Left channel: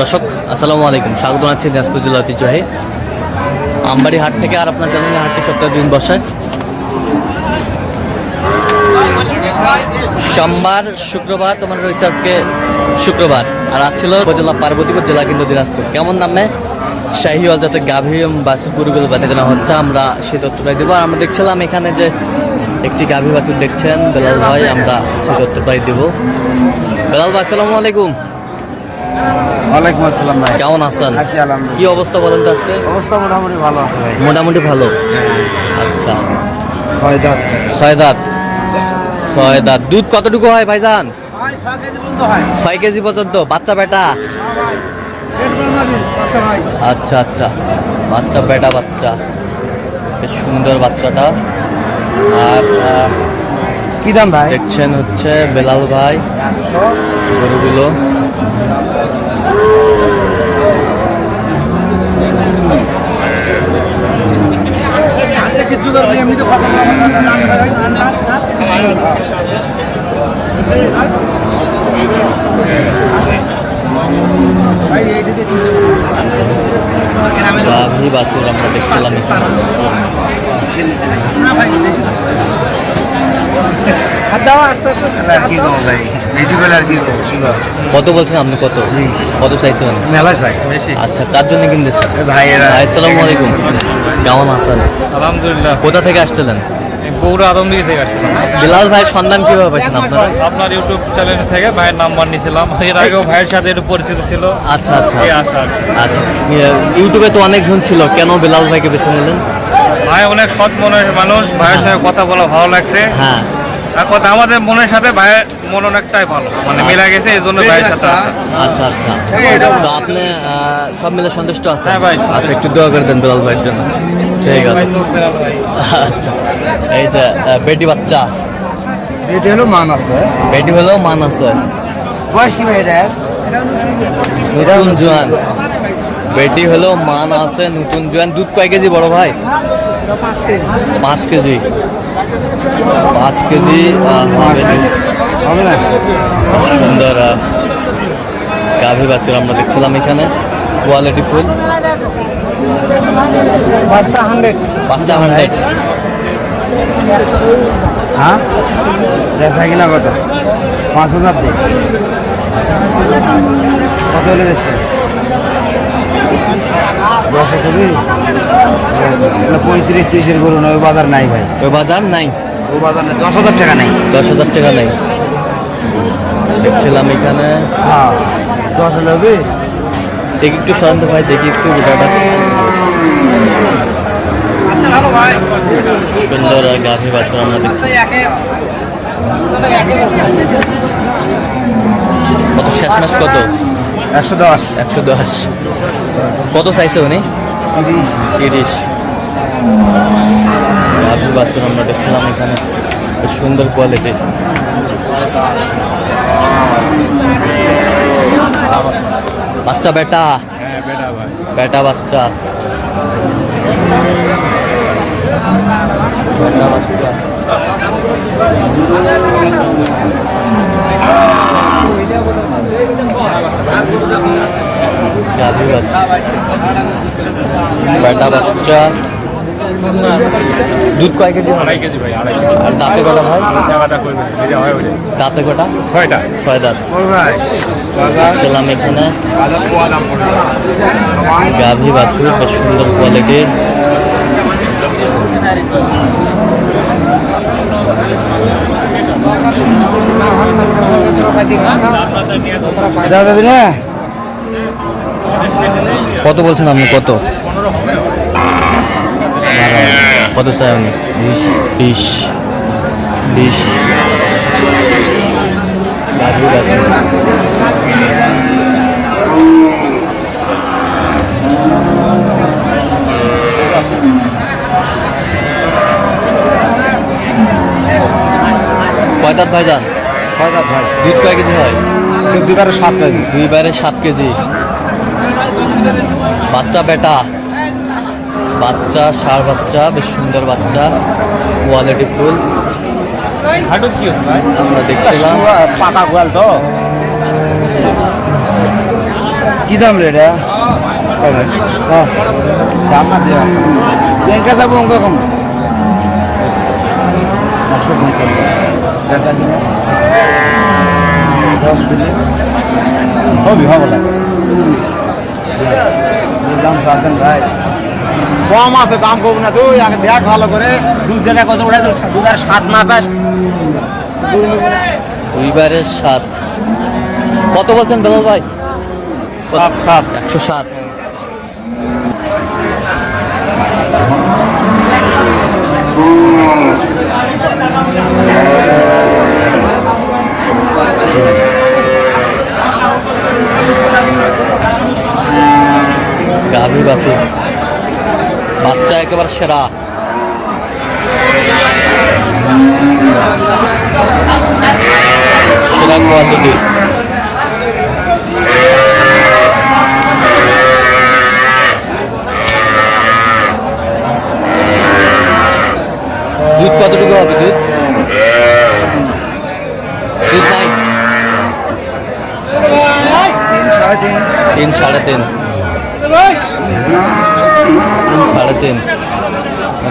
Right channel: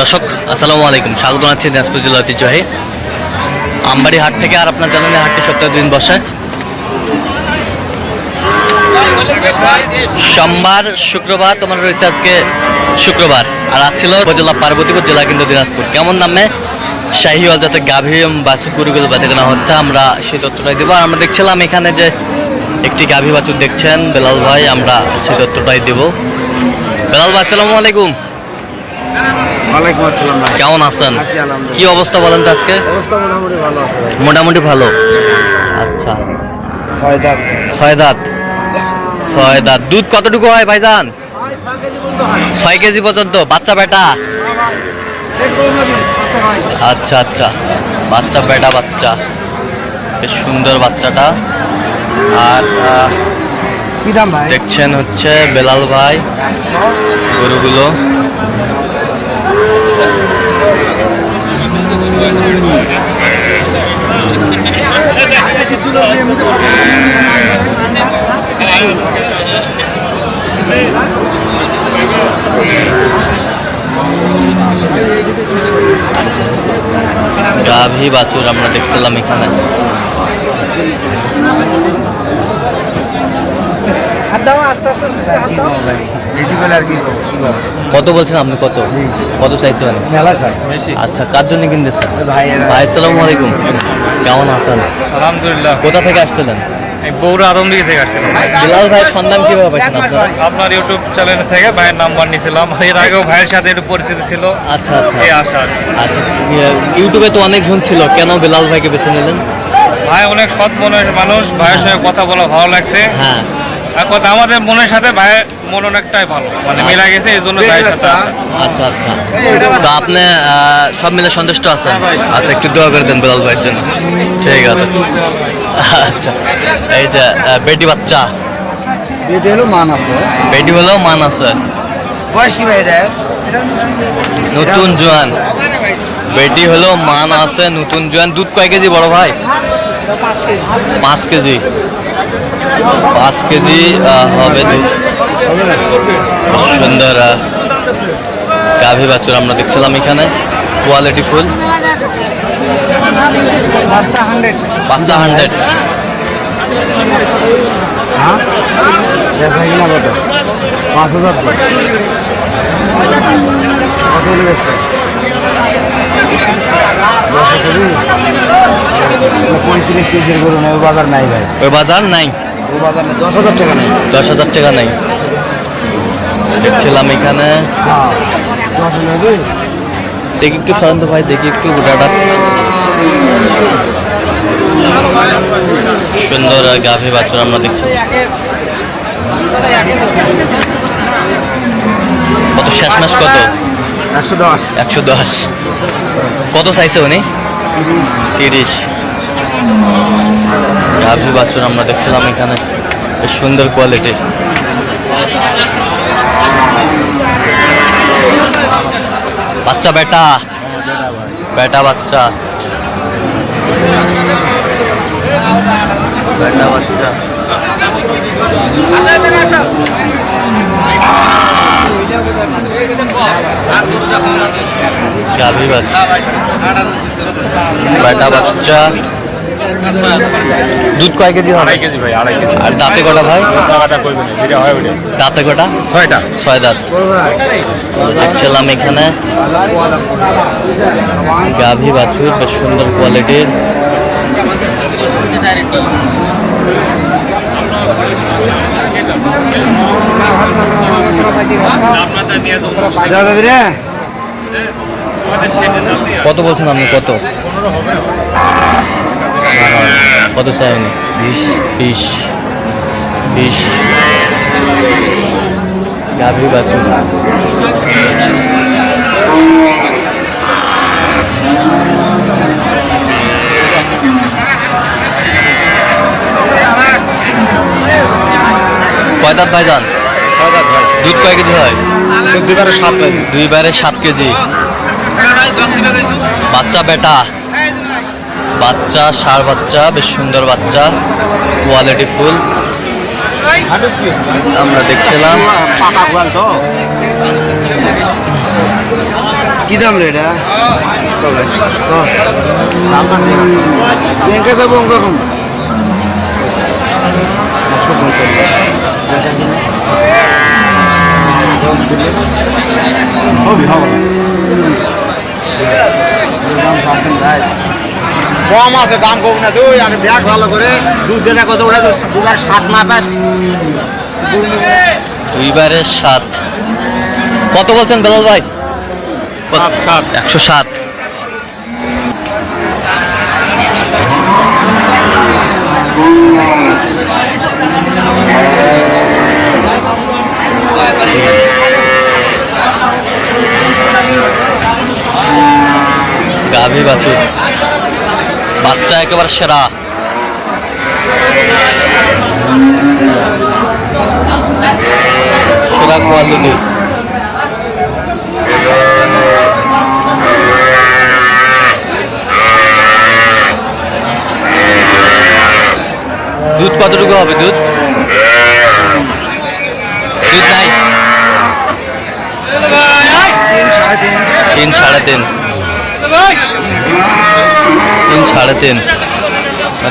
দর্শক আসসালামু আলাইকুম, স্বাগত জানাচ্ছি দিনাজপুর জেলা ঐতিহ্যবাহী আমবাড়ি হাট থেকে। আর আপনার জানেন হাটটি সপ্তাহে 2 দিন বসে, সোমবার শুক্রবার। তোমার রয়েছে আজকে শুক্রবার, আর আজ ছিল উপজেলা পার্বতীপুর জেলা কিন্তু দিনাজপুর। কেমন দামে শাহিওয়াল যাতে গাভী বাছুর গরুগুলো বেচা কেনা হচ্ছে আমরা সেই তথ্যটাই দেবো। আর আমরা দেখছিলাম এখানে যে একটি গাভী বাছুর দেখছেন বেলাল ভাই, আমরা সেই তথ্যটাই দেব। বেলাল ভাই আসসালামু আলাইকুম। ওয়ালাইকুম আসসালাম। কেমন আছেন? কি অবস্থা বলেন তো আজকে? অবস্থা মোটামুটি ভালো আছে। মোটামুটি ভালো। আচ্ছা, 6 দাঁত। 6 দাঁত। 6 দাঁত। দুধ কতটুকু হয় ভাইজান? 6 কেজি পর্যন্ত। বাচ্চা বেটা? আচ্ছা আচ্ছা, বাচ্চা বেটা বাচ্চা, বেশ সুন্দর বাচ্চাটা। আর কি দাম ভাই? দেখছেন হচ্ছে বেলাল ভাই গরুগুলো। গাভী বাছুর আমরা দেখছিলাম এখানে। কত বলছেন আপনি? কত কত চাইছেন? মেলা চাই। আচ্ছা, কার জন্য কিনতেছেন? ভাই আসসালামু আলাইকুম, কেমন আছেন? আলহামদুলিল্লাহ। কোথা থেকে আসছিলেন? বগুড়া আদমদিঘি থেকে আসছিলাম। বেলাল ভাই সন্ধান কিভাবে পাইছেন আপনারা? আপনার ইউটিউব চ্যানেল থেকে ভাইয়ের নাম্বার নিয়েছিলাম। এর আগেও ভাইয়ের সাথে একটু পরিচিত ছিল। আচ্ছা আচ্ছা এই আশা আর কি। আচ্ছা, ইউটিউবে তো অনেকজন ছিল, কেন বেলাল ভাইকে বেছে নিলেন? ভাই অনেক সৎ মনের মানুষ, ভাইয়ের সঙ্গে কথা বলা ভালো লাগছে। হ্যাঁ, আর কথা আমাদের মনের সাথে ভাইয়ের মন অনেকটাই ভালো, মানে মিলা গেছে, এই জন্য ভাইয়ের সাথে আসা। আচ্ছা আচ্ছা। তো আপনি সব মিলে সন্তুষ্ট আছেন? আচ্ছা, একটু দোয়া করে দেন বেলাল ভাইয়ের জন্য। ঠিক আছে। আচ্ছা, এই যে বেটি বাচ্চা, এটা হলো মান আছে। বেটি হলেও মান আছে। বয়স কি ভাই এটা? নতুন জোয়ান। বেটি হলেও মান আছে, নতুন জোয়ান। দুধ কয় কেজি বড় ভাই? 5 কেজি। 5 কেজি হবে দুধ। সুন্দর গাভী বাছুর আমরা দেখছিলাম এখানে, কোয়ালিটি ফুল। বাচ্চা 100। হ্যাঁ, দেখা কিনা কত? 5,000 দিয়ে। কত হলে বেচবে? 10 কবি 35 কেজির গরু নয়, ওই বাজার নাই ভাই। ওই বাজার নাই? ওই বাজার নেই, 10,000 টাকা নেই। 10,000 টাকা নাই। দেখছিলাম এখানে। হ্যাঁ, 10 হলে হবে। দেখি একটু শান্ত ভাই, দেখি একটু গোটাটা। সুন্দর গাভী বাছুর আমরা দেখছি। কত শেষ মাস কত? 110। 110। কত চাইছে উনি? 30। গাভী বাছুর আমরা দেখছিলাম এখানে, বেশ সুন্দর কোয়ালিটির। বাচ্চা বেটা? বেটা বাচ্চা, বেটা বাচ্চা। গাভী বাচ্চা, বেটা বাচ্চা। দুধ কয় কেজি হবে? আর দাঁতে কটা ভাই? দাঁতে কটা? 6টা। 6 দাঁত। দেখছিলাম এখানে গাভী বাছুর, বেশ সুন্দর কোয়ালিটির। কত বলছেন আপনি? কত? কত চাই উনি? 20। গাভী বাছুর। কয় দাঁত ভাইজান? 6 দাঁত ভাই। দুধ কয় কেজি হয়? 2 7 কেজি। বাচ্চা বেটা? বাচ্চা, ষাঁড় বাচ্চা, বেশ সুন্দর বাচ্চা, কোয়ালিটি ফুল। আমরা দেখছিলাম কি দাম রে এটা দাম ব্যাংকে যাবো অঙ্ক কম 10 দিলে হবে হবে না দাম পাচ্ছেন ভাই কম আছে দাম কম না তুই আগে দেখ ভালো করে দুধ দেনা কত ওটা দুবার 7 না পাস 2/7 কত বলছেন বেলাল ভাই? 107। গাভী বাছুর বাচ্চা একেবারে সেরা। সেরা কোয়ালিটি। দুধ কতটুকু হবে? দুধ দুধ নাই। 3 সাড়ে 3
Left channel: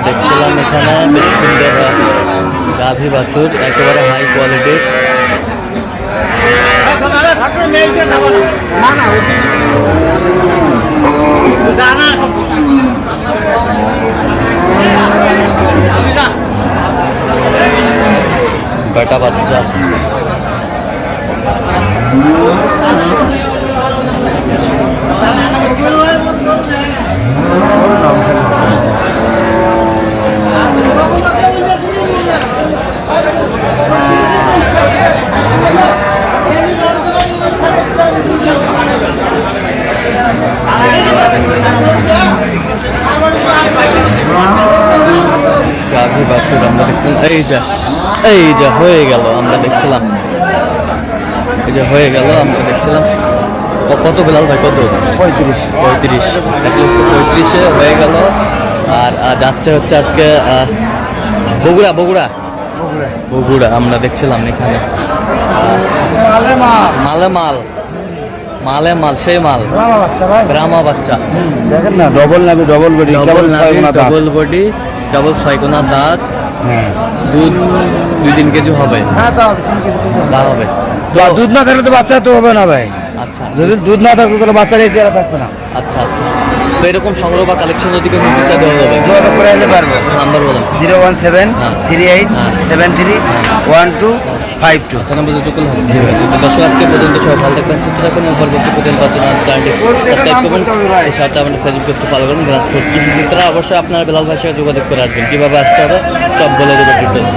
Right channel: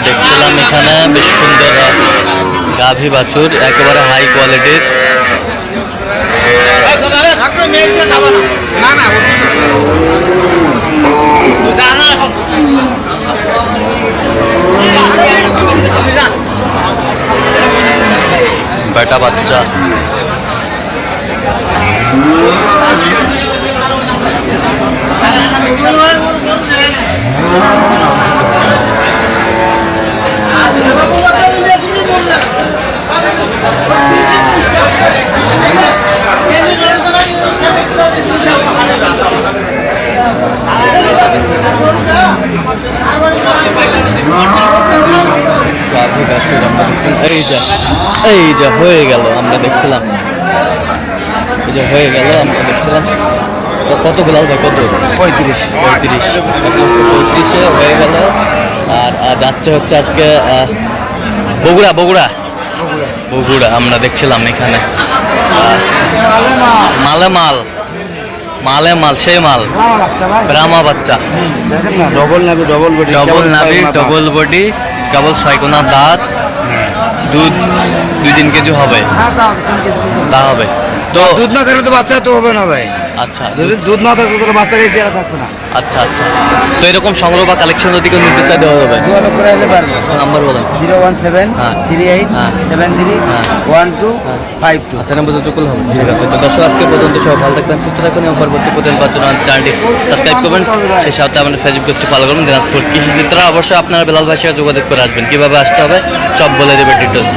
দেখছিলাম এখানে বেশ সুন্দর গাভী বাছুর একেবারে হাই কোয়ালিটির। বেটা বাচ্চা গাভী বাছুর আমরা দেখছিলাম। এই যে হয়ে গেল আমরা দেখছিলাম। এই যে হয়ে গেল আমরা দেখছিলাম। কত বেলাল ভাই? কত? 35 হয়ে গেল। আর যাচ্ছে হচ্ছে আজকে বগুড়া আমরা দেখছিলাম এখানে। মালে মাল সেই মাল ব্রাহ্মা বাচ্চা দেখেন না ডবল নাভি ডবল বডি কেবল 6 কোনা দাঁত। দুধ 2-3 কেজি হবে। তা হবে তো দুধ না থাকলে তো বাচ্চা তো হবে না ভাই। আচ্ছা যদি দুধ না থাকলে তাহলে বাচ্চার এই চেহারা থাকতো না। আচ্ছা তো এরকম সংগ্রহ বা কালেকশন যদি কেউ নিতে চাই দেওয়া যাবে? যোগাযোগ করে আসলে পারবো। আচ্ছা নাম্বার বলেন। 01738731252। আচ্ছা নাম্বার যোগাযোগ হবে। ঠিক আছে তো দর্শক আজকে পর্যন্ত সব ভালো থাকবেন, সুস্থ থাকবেন এবং পরবর্তী প্রতিদিন পাওয়ার জন্য আমাদের চ্যানেলটি সাবস্ক্রাইব করবেন। সেই সাথে আমাদের ফেসবুক পেজটি ফলো করবেন। দিনাজপুর কৃষি চিত্র অবশ্যই আপনারা বেলাল ভাইয়ের সাথে যোগাযোগ করে আসবেন। কীভাবে আসতে হবে সব বলে দেবে ডিটেলস।